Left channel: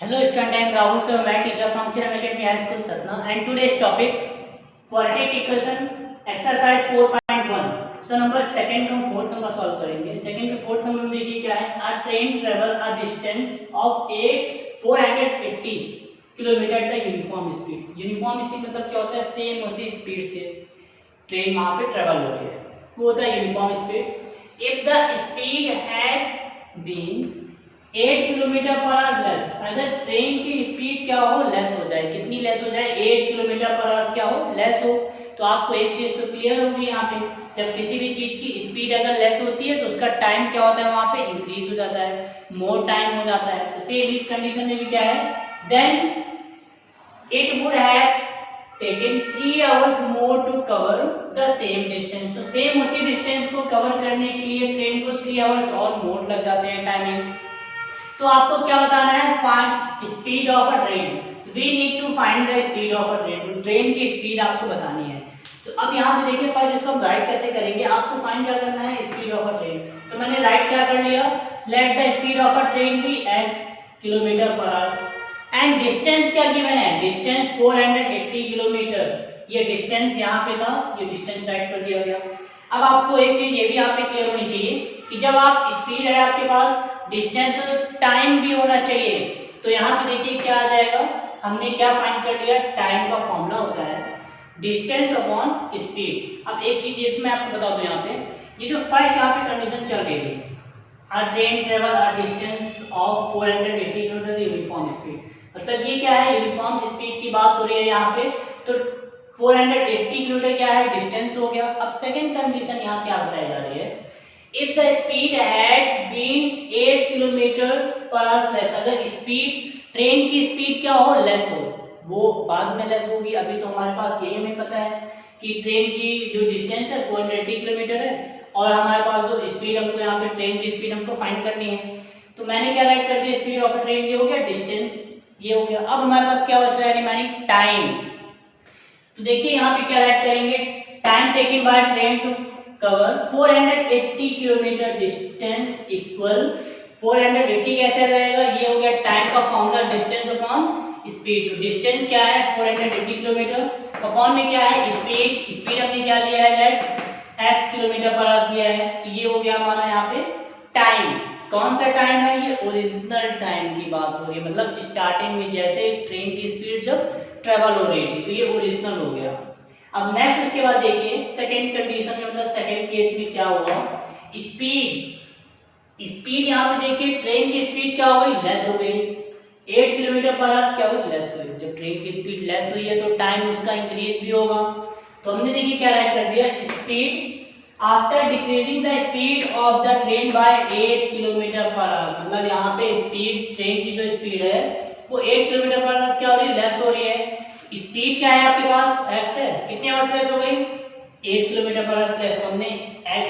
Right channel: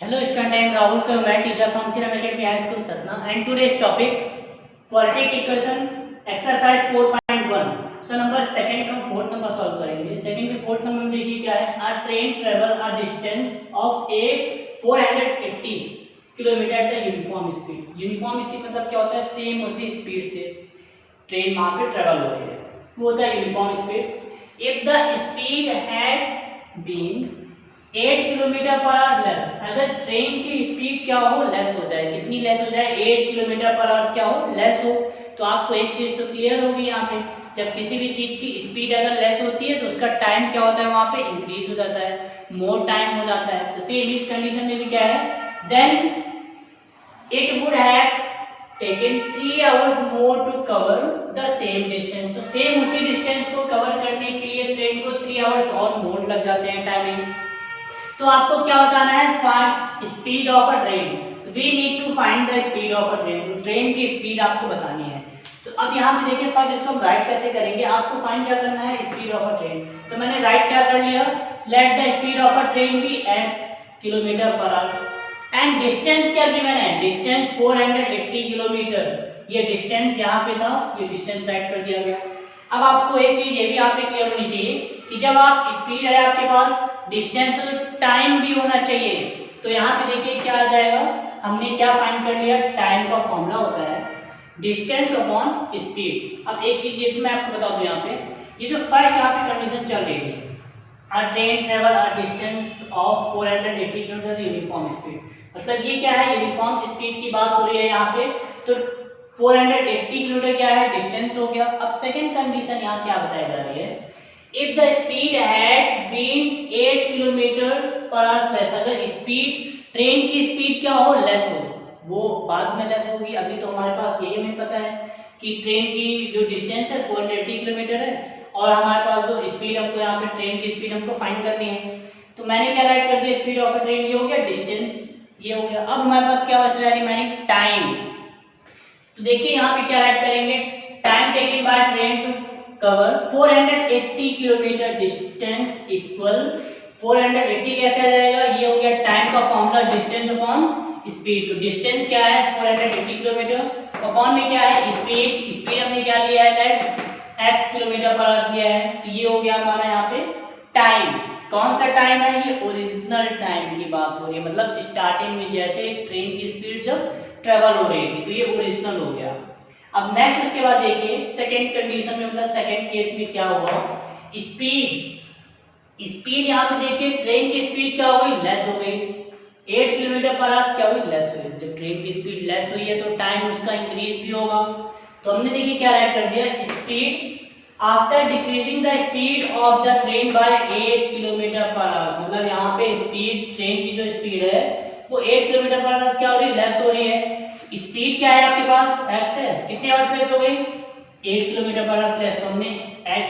Hello student, I am Rahul sir, math teacher from Siram Academy High School Satna, and today's topic quadratic equation exercise 4.1. So number second का fourth number solve करेंगे। Second के fourth number में देखिए क्या है, a train travel a distance of 480 kilometre the uniform speed. Uniform speed मतलब क्या होता है, सेम उसी स्पीड से ट्रेन वहां पे ट्रेवल हो रही है, वो होता है uniform speed. If the speed had been 8 kilometre per hour less, अगर ट्रेन की स्पीड क्या हो, लेस हो जाए। कितनी लेस हो जाए, 8 किलोमीटर पर आवर क्या हो, लेस हो। तो आपको एक चीज तो क्लियर होगी यहाँ पे, जब किसी भी चीज की स्पीड अगर लेस होती है तो उसका टाइम क्या होता है, वहां पे इंक्रीज हो जाता है, मोर टाइम हो जाता है। तो सेम इस कंडीशन में भी क्या है, then it would have taken 3 hours more to cover the same distance। तो सेम उसी डिस्टेंस को कवर करने के लिए ट्रेन को 3 आवर्स और मोर लग जाते हैं टाइमिंग। तो आपको क्या बताना है, find speed of a train. तो we need to find the speed of a train, तो ट्रेन की स्पीड आपको बतानी है। तो अब यहाँ पे देखिए, फर्स्ट इसको हम राइट कैसे करेंगे, आपको फाइंड क्या करना है, स्पीड ऑफ अ ट्रेन। तो मैंने राइट क्या कर लिया, let the speed of a train be x kilometre per hour and distance क्या गिवन है, डिस्टेंस 480 किलोमीटर। ये डिस्टेंस यहाँ पे था, ये डिस्टेंस राइट कर दिया गया। अब आपको एक चीज ये भी यहाँ पे क्लियर होनी चाहिए कि जब आप स्पीड है आपके पास, डिस्टेंस तो टाइम भी होना चाहिए। तो यहाँ पे देखिए क्या आ जाएगा, हमने क्या फाइंड कर लिया, टाइम का फॉर्मूला होता है डिस्टेंस अपॉन स्पीड। अब एक चीज ये भी मैं आपको बता दूं, यहाँ पे ये जो फर्स्ट यहाँ पे कंडीशन चल रही है, a train travel a distance of 480 kilometre uniform speed, मतलब ये क्या है, यूनिफॉर्म स्पीड की बात हो रही है यहाँ पे। तो 480 किलोमीटर क्या है, डिस्टेंस हो गया। अब सेकंड कंडीशन यहाँ क्या बताई जा रही है, if the speed had been 8 kilometre per hour less, अगर स्पीड ट्रेन की स्पीड क्या हो, लेस हो, वो बाद में लेस होगी। अभी तो हमारे पास यही हमें पता है कि ट्रेन की जो डिस्टेंस है 480 किलोमीटर है, और हमारे पास जो स्पीड हमको यहाँ पे ट्रेन की स्पीड हमको फाइंड करनी है। तो मैंने क्या राइट कर दिया, स्पीड ऑफ ट्रेन ये हो गया, डिस्टेंस ये हो गया। अब हमारे पास क्या बच रहा है, हमारी टाइम। तो देखिए यहाँ पे क्या राइट करेंगे, time taken by train to cover 480 kilometre distance equal 480 कैसे आ जाएगा, ये हो गया टाइम का फॉर्मूला डिस्टेंस अपॉन स्पीड। तो डिस्टेंस क्या है 480 किलोमीटर, अपॉन में क्या है स्पीड, स्पीड हमने क्या लिया है, let x kilometre per hour लिया है। तो ये हो गया हमारा यहाँ पे टाइम। कौन सा टाइम है, ये ओरिजिनल टाइम की बात हो रही है, मतलब स्टार्टिंग में जैसे ट्रेन की स्पीड जब ट्रेवल हो रही थी, तो ये ओरिजिनल हो गया। अब नेक्स्ट उसके बाद देखिए सेकंड कंडीशन में, मतलब सेकंड केस में क्या हुआ, स्पीड स्पीड यहाँ पे देखिए ट्रेन की स्पीड क्या हो गई, लेस हो गई। 8 किलोमीटर पर आवर क्या हुई, लेस हुई। जब ट्रेन की स्पीड लेस हुई है तो टाइम उसका इंक्रीज भी होगा। तो हमने देखिए क्या राइट कर दिया, speed after decreasing the speed of the train by 8 kilometre per hour, मतलब यहाँ पे स्पीड ट्रेन की जो स्पीड है वो 8 किलोमीटर पर आवर क्या हो रही है, लेस हो रही है। स्पीड क्या है आपके पास, x है, कितनी आवर्स लेस हो गई, 8 किलोमीटर पर आवर लेस। तो हमने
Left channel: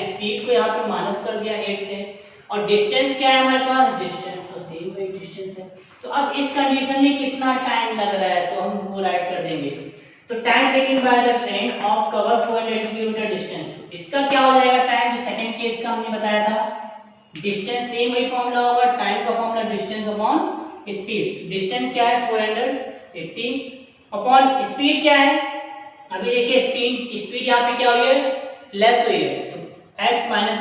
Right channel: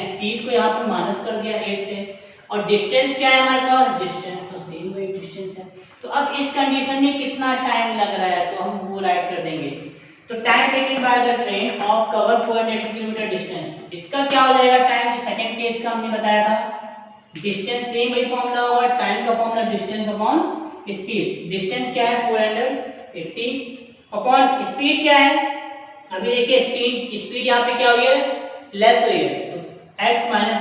स्पीड को यहाँ पर माइनस कर दिया 8 से। और डिस्टेंस क्या है हमारे पास, डिस्टेंस तो सेम वही डिस्टेंस है। तो अब इस कंडीशन में कितना टाइम लग रहा है, तो हम वो राइट कर देंगे। तो time taken by the train of cover 480 kilometre distance, इसका क्या हो जाएगा टाइम, जो सेकंड केस का हमने बताया था, डिस्टेंस सेम वही फॉर्मूला होगा, टाइम का formula distance upon speed. Distance क्या है 480 अपॉन स्पीड क्या है, अभी देखिए स्पीड स्पीड यहाँ पे क्या हुई है, लेस हुई है। तो x माइनस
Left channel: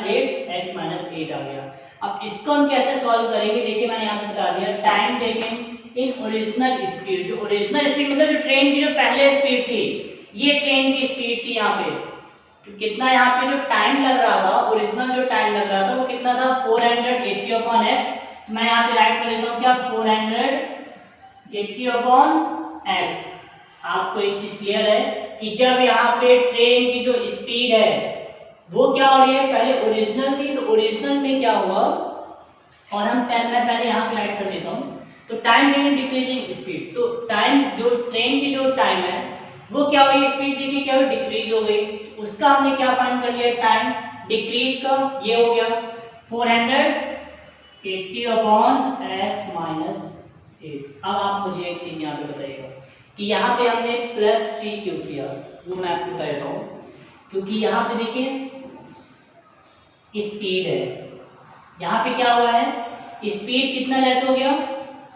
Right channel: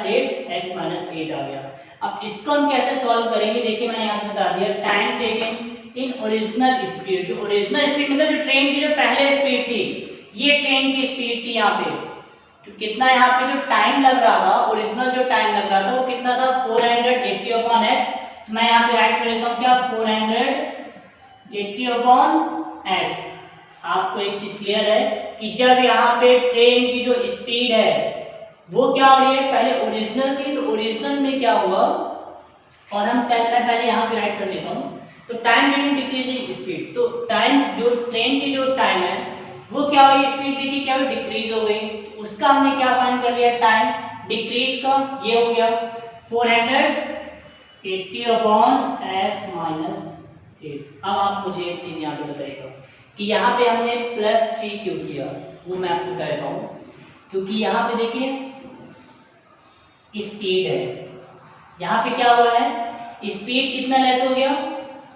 8 आ गया। अब इसको हम कैसे सॉल्व करेंगे, देखिए मैंने यहाँ पे बता दिया, time taken in original speed. जो ओरिजिनल स्पीड मतलब जो ट्रेन की जो पहले स्पीड थी, ये ट्रेन की स्पीड थी यहाँ पे। तो कितना यहाँ पे जो टाइम लग रहा था, ओरिजिनल जो टाइम लग रहा था वो कितना था, 480 अपॉन x। मैं यहाँ पे ऐड कर लेता हूँ क्या, 480 अपॉन x। आपको एक चीज क्लियर है कि जब यहाँ पे ट्रेन की जो स्पीड है वो क्या हो रही है, पहले ओरिजिनल थी, तो ओरिजिनल में क्या हुआ, और हम टाइम में पहले यहाँ पे राइट कर देता हूँ। तो टाइम मीनिंग डिक्रीजिंग स्पीड, तो टाइम जो ट्रेन की जो टाइम है वो क्या हुई, स्पीड थी क्या हुई, डिक्रीज हो गई। तो उसका हमने क्या फाइंड कर लिया, टाइम डिक्रीज का, ये हो गया 480 अपॉन x माइनस 8। अब आप मुझे एक चीज यहाँ पे बताइएगा कि यहाँ पे हमने +3 क्यों किया, वो मैं आपको बता देता हूँ। क्योंकि यहाँ पे देखिए स्पीड है, यहाँ पे क्या हुआ है, स्पीड कितना लेस हो गया,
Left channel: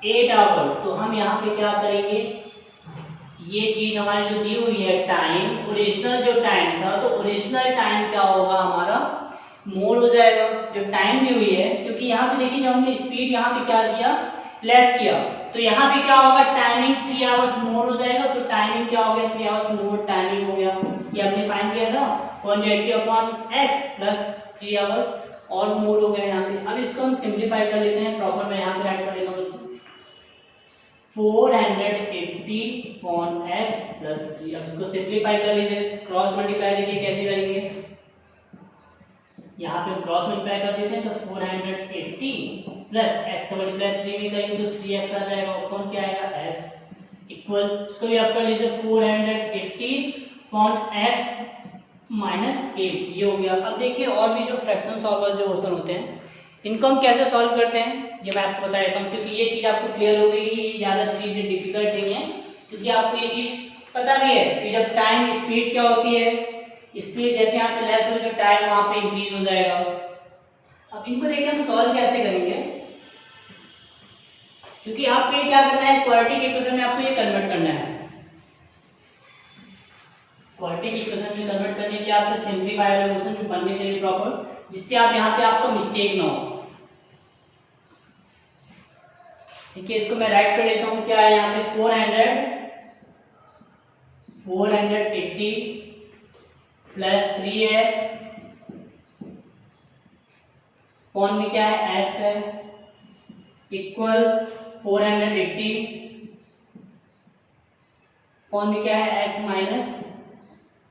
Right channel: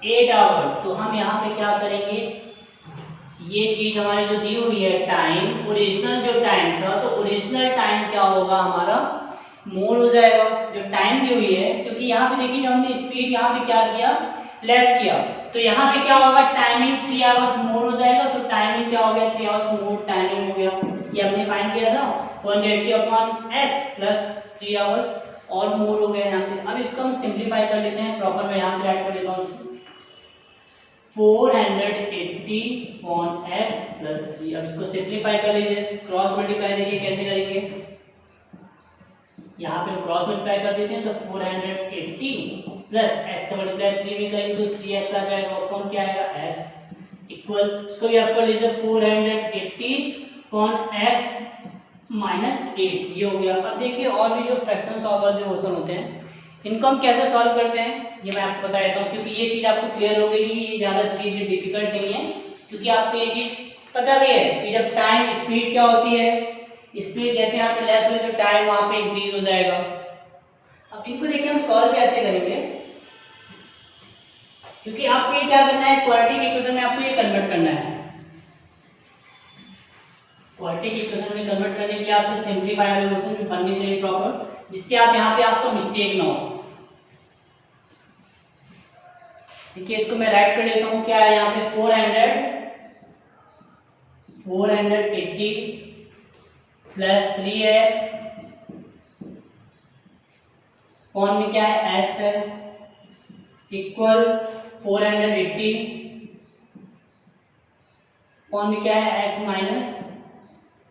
8 आवर, तो हम यहाँ पे क्या करेंगे, ये चीज हमारी जो दी हुई है टाइम, ओरिजिनल जो टाइम था, तो ओरिजिनल टाइम क्या होगा हमारा, मोर हो जाएगा जो टाइम दी हुई है, क्योंकि यहाँ पे देखिए जब हमने स्पीड यहाँ पे क्या किया, लेस किया, तो यहाँ पे क्या होगा, टाइमिंग 3 आवर्स मोर हो जाएगा, तो टाइमिंग क्या हो गया, 3 आवर्स मोर टाइमिंग हो गया, ये हमने फाइंड किया था 480 अपॉन एक्स प्लस 3 आवर्स और मोर हो गया यहाँ पे। अब इसको हम सिंप्लीफाई कर लेते हैं, प्रॉपर मैं यहाँ पे ऐड कर देता हूँ इसको, 480 अपॉन एक्स प्लस 3। अब इसको सिंप्लीफाई कर लीजिए, क्रॉस मल्टीप्लाई देखिए कैसे करेंगे, यहाँ पे हम क्रॉस मल्टीप्लाई कर देते हैं, तो 480 प्लस एक्स मल्टीप्लाई 3 में करेंगे तो 3x आ जाएगा, अपॉन क्या आएगा x इक्वल, इसको भी आप कर लीजिए 480 अपॉन x माइनस 8, ये हो गया। अब देखिए और भी जो फ्रैक्शन सॉल्वर जो क्वेश्चन होते हैं इनको हम कैसे सॉल्व करते हैं ये मैं आपको बता देता हूँ, क्योंकि ये चीज आपको क्लियर हो गई कि ये ज्यादा चीज डिफिकल्ट नहीं है, क्योंकि आपको ये चीज पता भी है कि जब टाइम स्पीड क्या होती है, स्पीड जैसे यहाँ पे लेस होगी तो टाइम वहां पे इंक्रीज हो जाएगा। अब इनको देखिए हम सॉल्व कैसे करेंगे, क्योंकि आपको ये क्या करना है, क्वाड्रेटिक इक्वेशन में आपको ये कन्वर्ट करना है, क्वाड्रेटिक इक्वेशन में कन्वर्ट करने के लिए आपसे सिंपलीफाई वाला क्वेश्चन बननी चाहिए प्रॉपर, जिससे आप यहाँ पे आपको मिस्टेक ना हो। देखिए इसको मैं राइट कर लेता हूँ, क्या है यहाँ पे 480 प्लस 3x पॉन में क्या है x है इक्वल 480 पॉन में क्या है x माइनस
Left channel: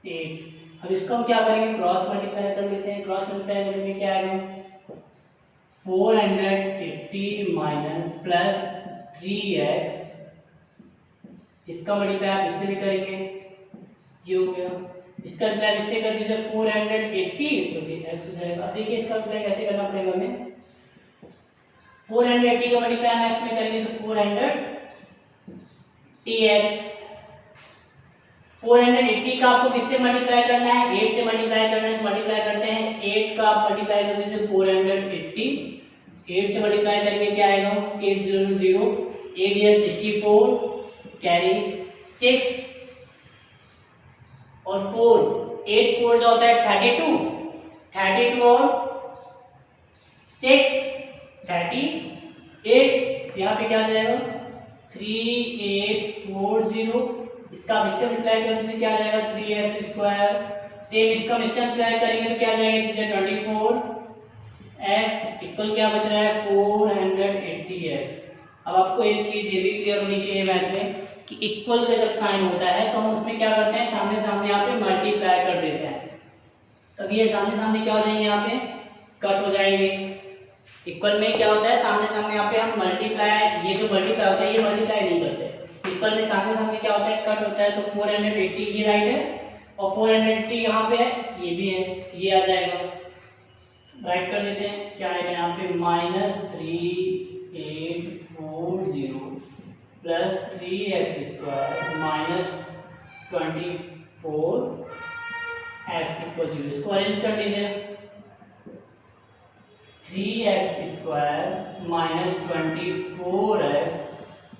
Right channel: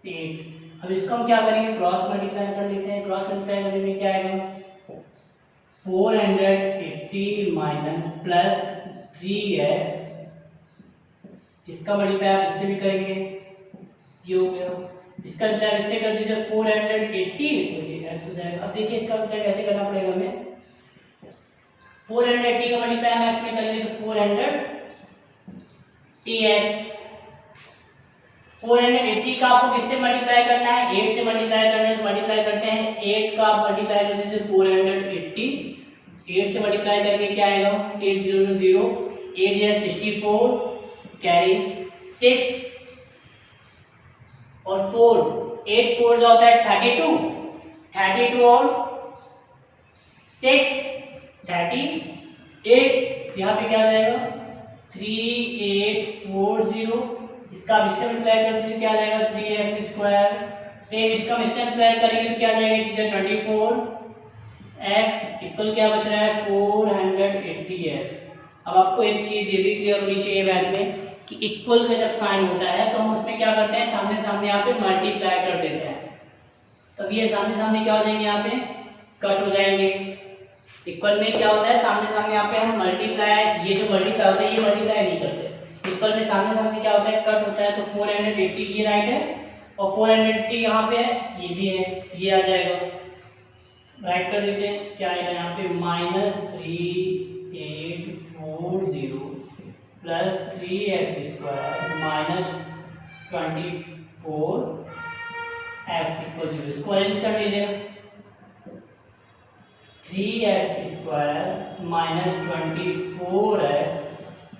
8। अब इसको हम क्या करेंगे, क्रॉस मल्टीप्लाई कर लेते हैं, क्रॉस मल्टीप्लाई करने में क्या आएगा 480 माइनस प्लस 3x, इसका मल्टीप्लाई आप इससे भी करेंगे, ये हो गया, इसका मल्टीप्लाई इससे कर दीजिए 480 तो ये x हो जाएगा। अब देखिए इसका मल्टीप्लाई कैसे करना पड़ेगा हमें, 480 का मल्टीप्लाई हम x में करेंगे तो 400tx, 480 का आपको किससे मल्टीप्लाई करना है, 8 से मल्टीप्लाई करना है, तो मल्टीप्लाई करते हैं 8 का आप मल्टीप्लाई कर दीजिए 480, 8 से मल्टीप्लाई करेंगे क्या आएगा 8 0 0, 8 is 64 कैरी 6 और 4, 8 4 होता है 32, 32 और 6 38, यहाँ पे क्या आ जाएगा 3840, इसका आप इससे मल्टीप्लाई कर दीजिए क्या आ जाएगा 3x स्क्वायर, सेम इसका इससे मल्टीप्लाई करेंगे तो क्या आ जाएगा इससे 24x इक्वल क्या बच रहा है 480x। अब आपको एक चीज ये भी क्लियर होनी चाहिए मैथ में कि इक्वल का जब साइन होता है तो हम उसमें क्या करते हैं, सामने सामने यहाँ पे मल्टीप्लाई कर देते हैं, तब ये सामने सामने क्या हो जाएंगे, यहाँ पे कट हो जाएंगे। इक्वल में क्या होता है, सामने सामने यहाँ पे हम मल्टीप्लाई, ये जो मल्टीप्लाई होता है ये मल्टीप्लाई नहीं करते, इक्वल में सामने सामने क्या होता है कट होता है, तो 480 ये राइट है और 480 यहाँ पे है, ये भी है, ये आ जाएगा, राइट कर देते हैं, क्या आएगा यहाँ पे -3840 plus 3x square minus 24x equal 0, इसको अरेंज कर लीजिए, 3x square minus 24x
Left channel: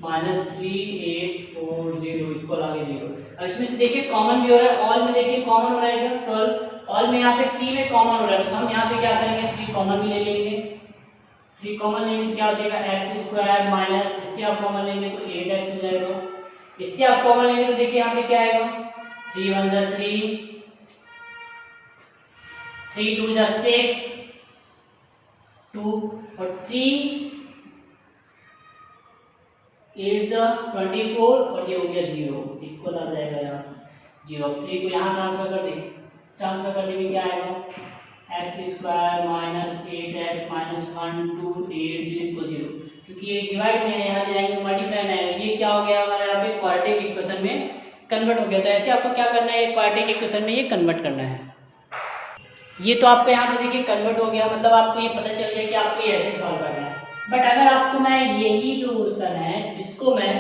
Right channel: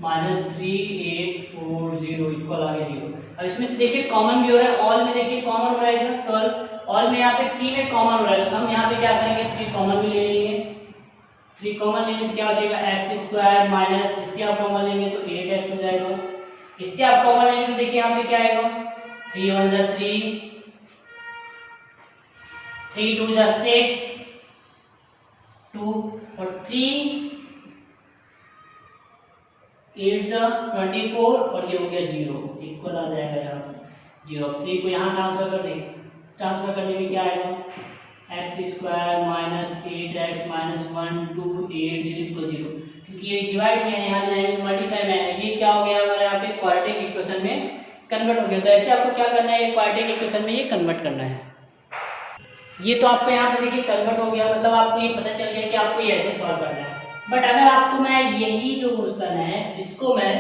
minus 3840 equal आगे 0। अब इसमें से देखिए कॉमन भी हो रहा है, ऑल में देखिए कॉमन हो रहा है 12, ऑल में यहाँ पे 3 में कॉमन हो रहा है, तो हम यहाँ पे क्या करेंगे 3 कॉमन भी ले लेंगे, 3 कॉमन लेंगे तो क्या हो जाएगा एक्स स्क्वायर माइनस, इससे आप कॉमन लेंगे तो 8x हो जाएगा, इससे आप कॉमन लेंगे तो देखिए यहाँ पे क्या आएगा 3 1 जा 3, 3 2 जा 6 2 और 3 8 जा 24 और ये हो गया 0 इक्वल आ जाएगा यहाँ 0। 3 को यहाँ ट्रांसफर कर दें, ट्रांसफर करने में क्या आएगा x square minus 8x minus 1 2 8 0 0, क्योंकि ये डिवाइड में है, यहाँ ले आएंगे मल्टीप्लाई में आएगा, ये क्या हो गया हमारे यहाँ पे क्वाड्रेटिक इक्वेशन में कन्वर्ट हो गया। तो ऐसे आपको क्या करना है, क्वाड्रेटिक इक्वेशन में ये कन्वर्ट करना है। ये तो आपको यहाँ पे देखिए कन्वर्ट हो गया, मतलब आपको ये पता चल गया कि आपको ये ऐसे सॉल्व करना है। बट अगर आपको मैं यही जो क्वेश्चन है इसको मैं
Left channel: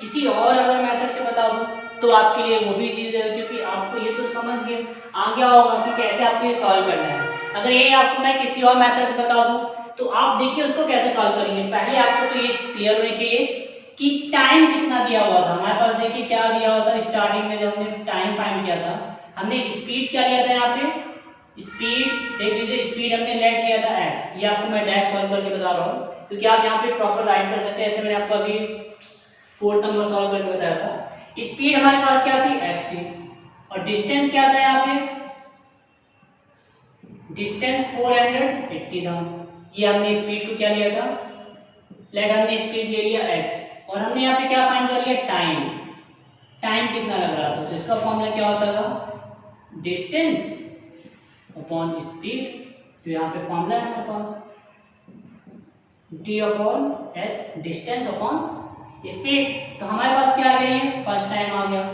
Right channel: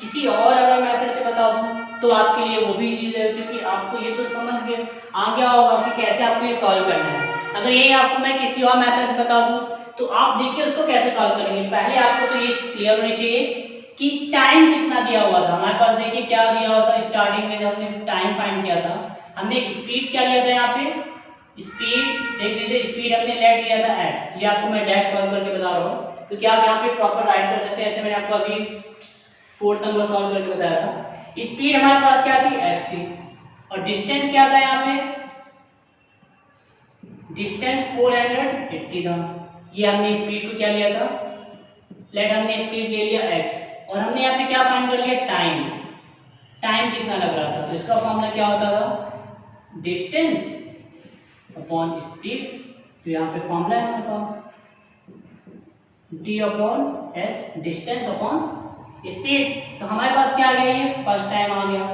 किसी और अगर मेथड से बता दूं तो आपके लिए वो भी इजी रहेगा, क्योंकि आपको ये तो समझ गए आ गया होगा कि कैसे आपको ये सॉल्व करना है। अगर यही आपको मैं किसी और मेथड से बता दूं तो आप देखिए उसको कैसे सॉल्व करेंगे। पहले आपको तो ये क्लियर होना चाहिए कि टाइम कितना दिया हुआ था हमारे पास। देखिए क्या दिया हुआ था स्टार्टिंग में जब हमने टाइम फाइंड किया था, हमने स्पीड क्या लिया था यहाँ पे, स्पीड देख लीजिए, स्पीड हमने लेट लिया था x। ये आपको मैं डायरेक्ट सॉल्व करके बता रहा हूँ क्योंकि आप यहाँ पे प्रॉपर राइट कर सकते हैं, ऐसे मैंने आपको अभी 4th नंबर सॉल्व करके बताया था। स्पीड हमारे पास क्या थी, x थी, और डिस्टेंस क्या था यहाँ पे, डिस्टेंस 480 था। ये हमने स्पीड को क्या लिया था, लेट हमने स्पीड ले लिया x, और हमने यहाँ पे क्या फाइंड कर लिया, टाइम। टाइम कितना लग रहा था, तो इसका फॉर्मूला क्या होता था, डिस्टेंस अपॉन स्पीड। तो यहाँ पे फॉर्मूला है हमारे पास d upon s, distance upon speed. तो हमारे पास क्या आ गया, ये फर्स्ट टाइम आ गया।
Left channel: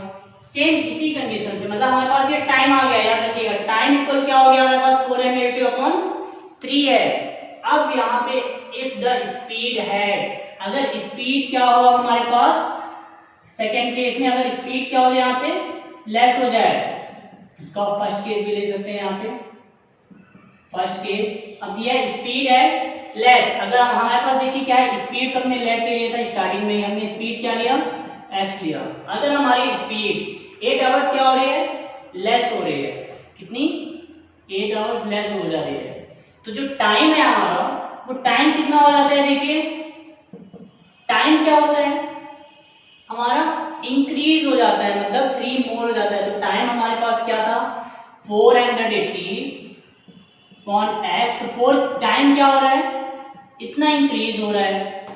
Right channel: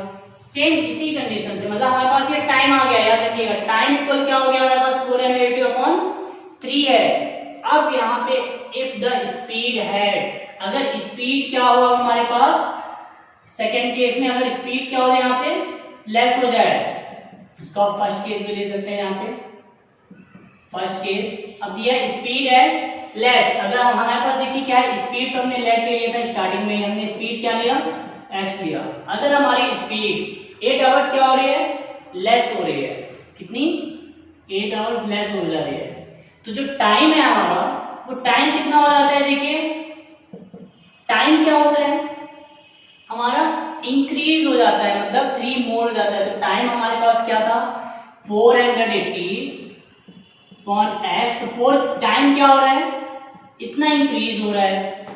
सेम इसी कंडीशन से, मतलब हमारे पास ये टाइम आ गया, याद रखिएगा टाइम इक्वल क्या हो गया हमारे पास, 480 अपॉन 3 है। अब यहाँ पे इफ द स्पीड है, अगर स्पीड क्या हुआ हमारे पास, सेकंड केस में अगर स्पीड क्या हो जाए यहाँ पे लेस हो जाए, इसका फर्स्ट केस भी ले सकते हैं यहाँ पे। फर्स्ट केस अब दिया स्पीड है लेस, अगर हमारे पास देखिए क्या है, स्पीड तो हमने लेट ले लिया था स्टार्टिंग में, हमने स्पीड क्या लिया, x लिया। अगर हमारी स्पीड 8 आवर्स क्या हो रही है, लेस हो रही है, कितनी, 8 आवर्स लेस हो जा रही है, तो जो टाइम है हमारा वो टाइम कितना हो जाता है, देखिए टाइम क्या होता है हमारा, इंक्रीज हो जाता है, मतलब 3 मोर हो जाता है। तो टाइम हमारे पास क्या था, 480 अपॉन x, तो 4 टाइम क्या हो रहा है, इतना इंक्रीज हो रहा है।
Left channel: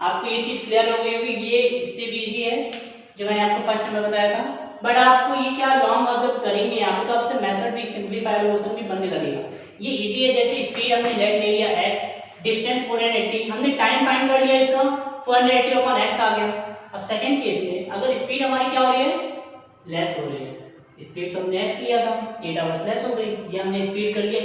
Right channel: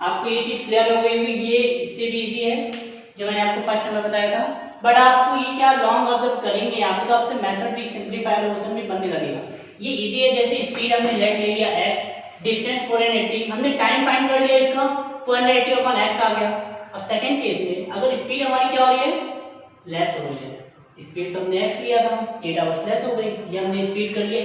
आपको ये चीज क्लियर हो गई होगी, ये इससे भी इजी है जो मैंने आपको फर्स्ट नंबर बताया था, बट आपको ये क्या लॉन्ग ऑब्जर्व करेंगे यहाँ पे, तो आपसे मेथड भी सिंपलीफाइड क्वेश्चन भी बनने लगेगा। ये इजी है, जैसे स्पीड हमने लेट ले लिया x, डिस्टेंस 480, हमने टाइम फाइंड कर लिया, इसका 480 अपॉन x आ गया। अब सेकंड केस में अगर स्पीड हमारी क्या हो रही है, लेस हो रही है, स्पीड तो हमने x लिया था, 8 आवर्स लेस हो गई, ये हमने स्पीड कर लिया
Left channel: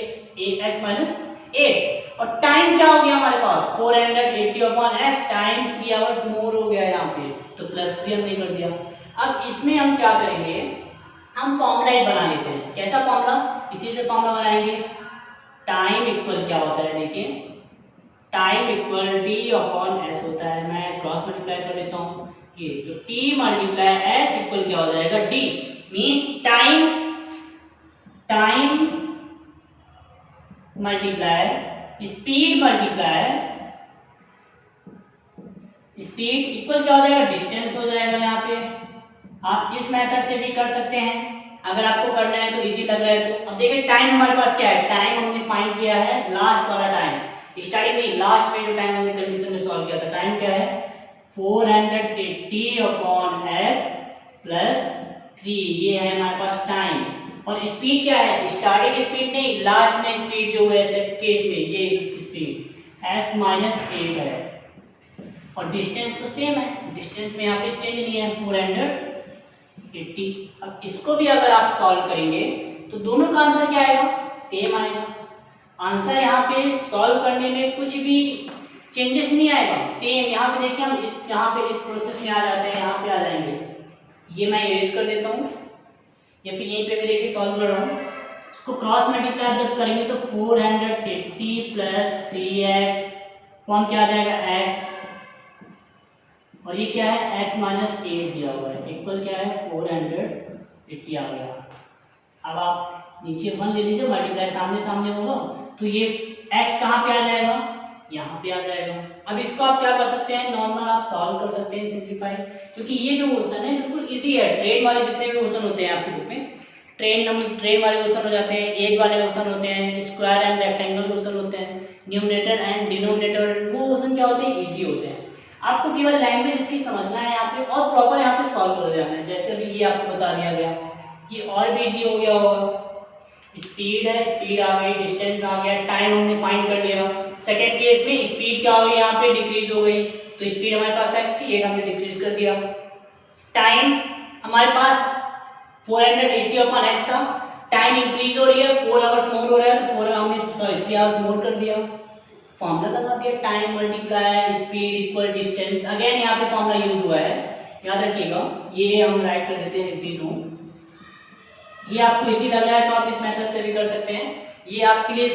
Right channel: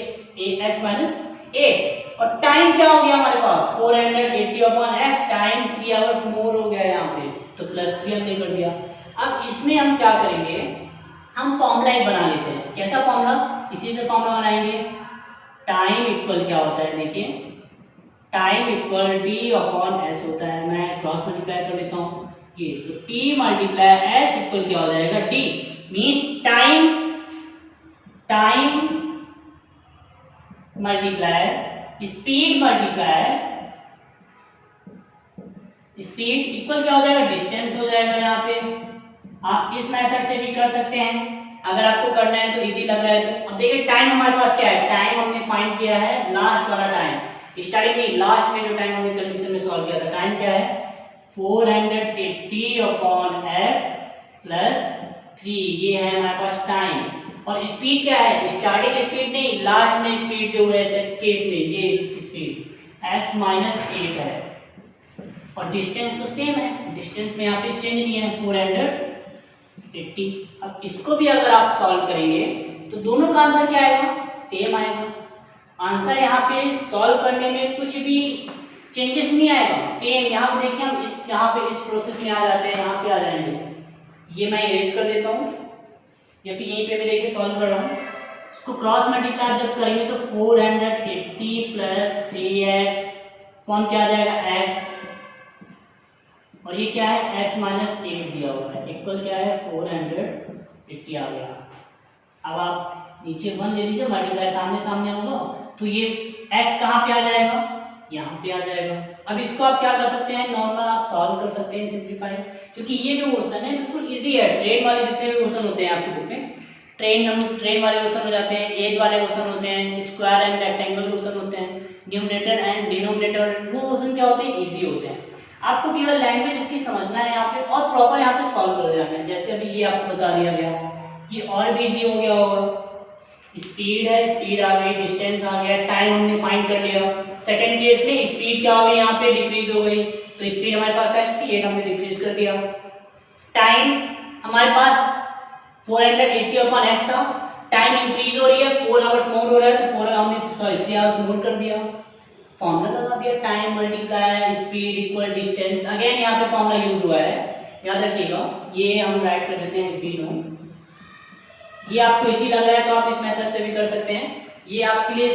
x माइनस 8, और टाइम क्या हो गया हमारे पास 480 अपॉन x, टाइम 3 आवर्स मोर हो गया यहाँ पे, तो +3 हमने कर दिया। अब इसमें हम क्या करेंगे, हम फॉर्मूला ही बना लेते हैं। कैसा फॉर्मूला, इसी से फॉर्मूला बनाएंगे। टाइम इक्वल क्या होता है, देखिए time equal d upon s होता है, मैं क्रॉस मल्टीप्लाई कर लेता हूँ ये, तो t मल्टीप्लाई s इक्वल क्या हो जाएगा, d means time multiply speed multiply speed equal क्या हो जाएगा, डिस्टेंस हो जाएगा। यहाँ पे आप इस मेथड से भी कर सकते हैं, अगर आपको करना है तो इजी लग रहा है तो। अब देखिए टाइम हमारे पास क्या है, टाइम हमने फाइंड किया है लास्ट वाला टाइम, स्टार्टिंग में लास्ट में जो टाइम हमने कंडीशन में सॉल्व किया था, टाइम क्या है 480 अपॉन x प्लस 3, ये है हमारे पास टाइम। और स्पीड क्या है, स्टार्टिंग स्पीड नहीं, लास्ट में स्पीड जो है केस में ये स्पीड x माइनस 8 है, और डिस्टेंस तो सेम है, डिस्टेंस में यहाँ पे चेंज नहीं है 480। अब इसको भी अगर आप सॉल्व करेंगे तो दोनों का आंसर क्या आएगा, सेम आएगा। आंसर यहाँ पे सॉल्व करने में कुछ भी चेंजेस नहीं आएगा, सेम। यहाँ पे देखिए हम यहाँ पे इस प्रोसेस में आ जाते हैं, यहाँ पे आ जाएंगे, ये मैं इरेज कर देता हूँ, या फिर यहीं पे भी देखिए सॉल्व कर रहा हूँ। इसको क्रॉस मल्टीप्लाई जब करेंगे तो 480 प्लस 3x कौन क्या आ जाएगा x, और ये क्या है x माइनस 8 दिया हुआ है, इक्वल क्या है 480 आ गया। अब आप नीचे 1 ले लीजिए, मल्टीप्लाई सामने सामने होगा, तो ये x कहाँ पे आ जाएगा, यहाँ पे आ जाएगा। अब इसको आप क्या कर सकते हैं, नॉर्मल आप सॉल्व कर सकते हैं सिंपलीफाई, क्योंकि ये जो क्वेश्चन है बिल्कुल इजी है। ट्रेन वाले जितने भी क्वेश्चन होते हैं आपकी बुक में, ट्रेन वाले क्वेश्चन हो जाते हैं, एज वाले क्वेश्चन होते हैं, स्क्वायर एंड रेक्टेंगल क्वेश्चन होते हैं, न्यूमरेटर एंड डिनोमिनेटर, वो क्वेश्चन क्या होते हैं, इजी होते हैं। आपको केवल लैंग्वेज इसकी समझना है यहाँ पे, और प्रॉपर यहाँ पे सॉल्व कर देना है। जैसे अभी ये आपको बता दिया गया, ये और भी इजी हो गया होगा। स्पीड है, स्पीड आ गई, डिस्टेंस आ गया, टाइम हमने फाइंड कर लिया। सेकंड केस में स्पीड क्या हो गई, यहाँ पे डिक्रीज हो गई, तो स्पीड हमारे पास x थी, 8 हमने डिक्रीज कर दिया। टाइम हमारे पास 480 अपॉन x था, टाइम इंक्रीज हो रही है, 4 आवर्स मोर हो रहा है, तो 3 आवर्स मोर कर दिया। फॉर्मूला लगा दिया, time multiply speed equal distance, again यहाँ पे फॉर्मूला यूज हुआ है, याद रखिएगा। ये हम राइट कर देते हैं v नो। ये आपको इजी लग रहा है तो आप इस मेथड से भी कर सकते हैं, ये आपके लिए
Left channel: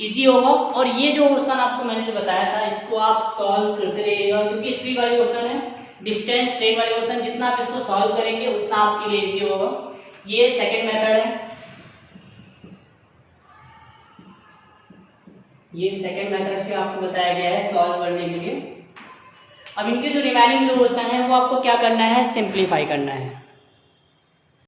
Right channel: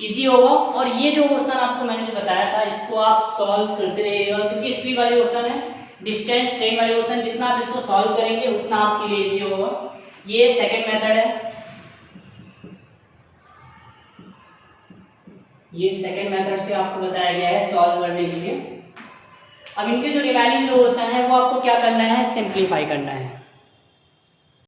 इजी होगा। और ये जो क्वेश्चन आपको मैंने जो बताया था इसको आप सॉल्व करते रहिएगा, क्योंकि स्पीड वाले क्वेश्चन है, डिस्टेंस ट्रेन वाले क्वेश्चन जितना आप इसको सॉल्व करेंगे उतना आपके लिए इजी होगा। ये सेकंड मेथड है, ये सेकंड मेथड से आपको बताया गया है सॉल्व करने के लिए। अब इनके जो रिमेनिंग जो क्वेश्चन है वो आपको क्या करना है, सिंप्लीफाई करना है।